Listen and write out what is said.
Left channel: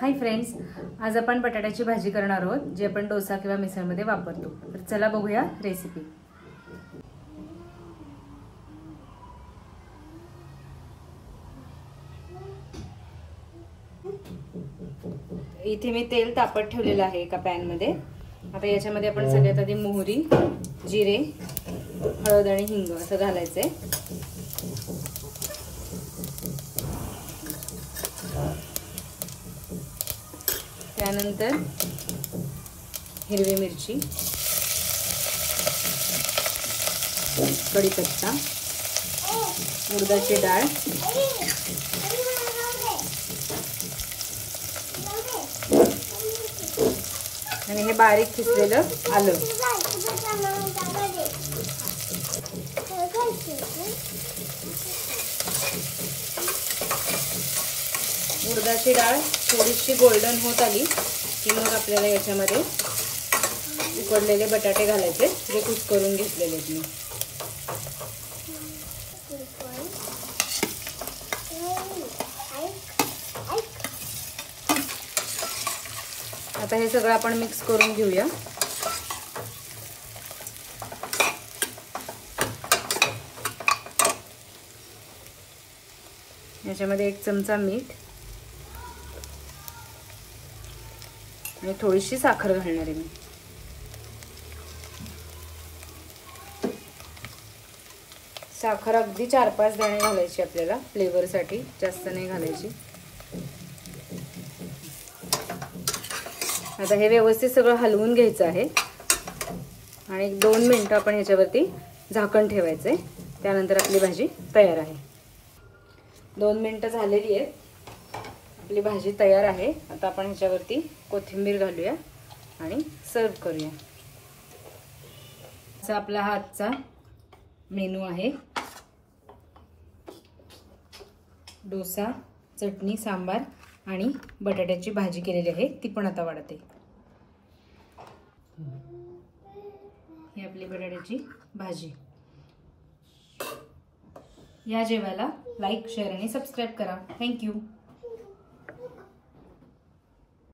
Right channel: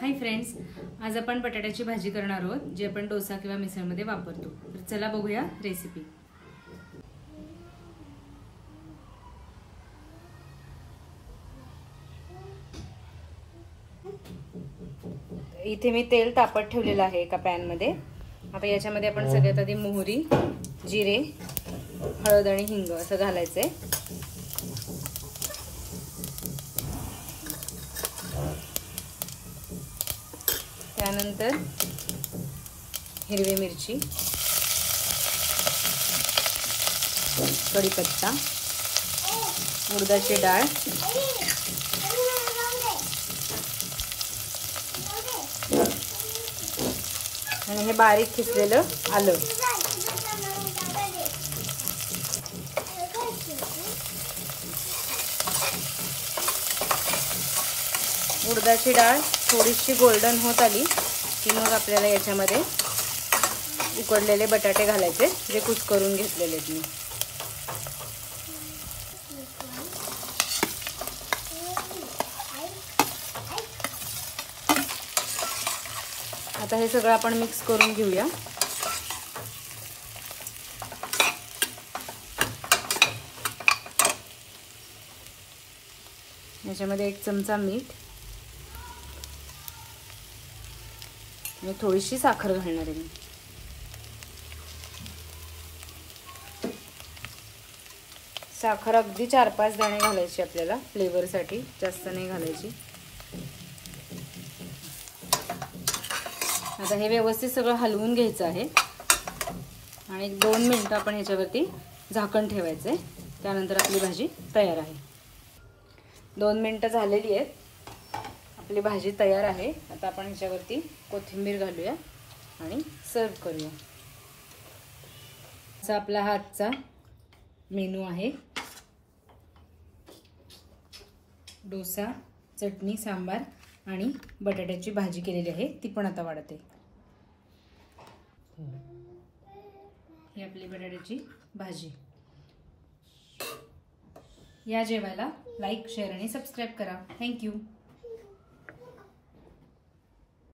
Hi friends, आज आपण बटाट्याची भाजी करणार आहोत जी आपण डोसा किंवा मिसळमध्ये वापरतो। तर चला बघूया रेसिपी। इथे मी तेल तापत ठेवलेलं आहे एका पॅन मध्ये। आता याच्यामध्ये आपण सगळ्यात आधी मोहरी, जिरे, हळद आणि हिंग असं घालायचंय। त्यानंतर हिरवी मिरची, कढीपत्ता, उडदाची डाळ, आणि हे बारीक किसलेलं आलं। उडदाची डाळ थोडीशी गोल्डन होत आली की मग आपल्याला याच्यामध्ये उकडलेले बटाटे घालायचे जे कुस्करून घेतलेले आहेत मी। आता हे सगळं आपण मिक्स करून घेऊया। याच्यामध्ये 1 चमचा मीठ आणि थोडीशी साखर घालणार आहे मी। साखर अगदी 4-5 दाणे घालायची आपल्याला फ्लेवर साठी, जास्त नाही घालायची। आता हे व्यवस्थित सगळं हलवून घ्यायचं आहे आणि 2 मिनिटं आपण ह्याच्यावरती झाकण ठेवायचंय। त्यानंतर आपली भाजी तयार आहे। 2 मिनिटं झालेली आहेत, आपली भाजी तयार आहे। आता आपण ह्याच्यावरती कोथिंबीर घालूया आणि सर्व करूया। असा आपला हा आजचा मेनू आहे। डोसा, चटणी, सांबार आणि बटाट्याची भाजी केलेली आहे, ती पण आता वाढते। ही आपली बटाट्याची भाजी। या जेवायला लाईक, शेअर आणि सबस्क्राईब करा। थँक्यू।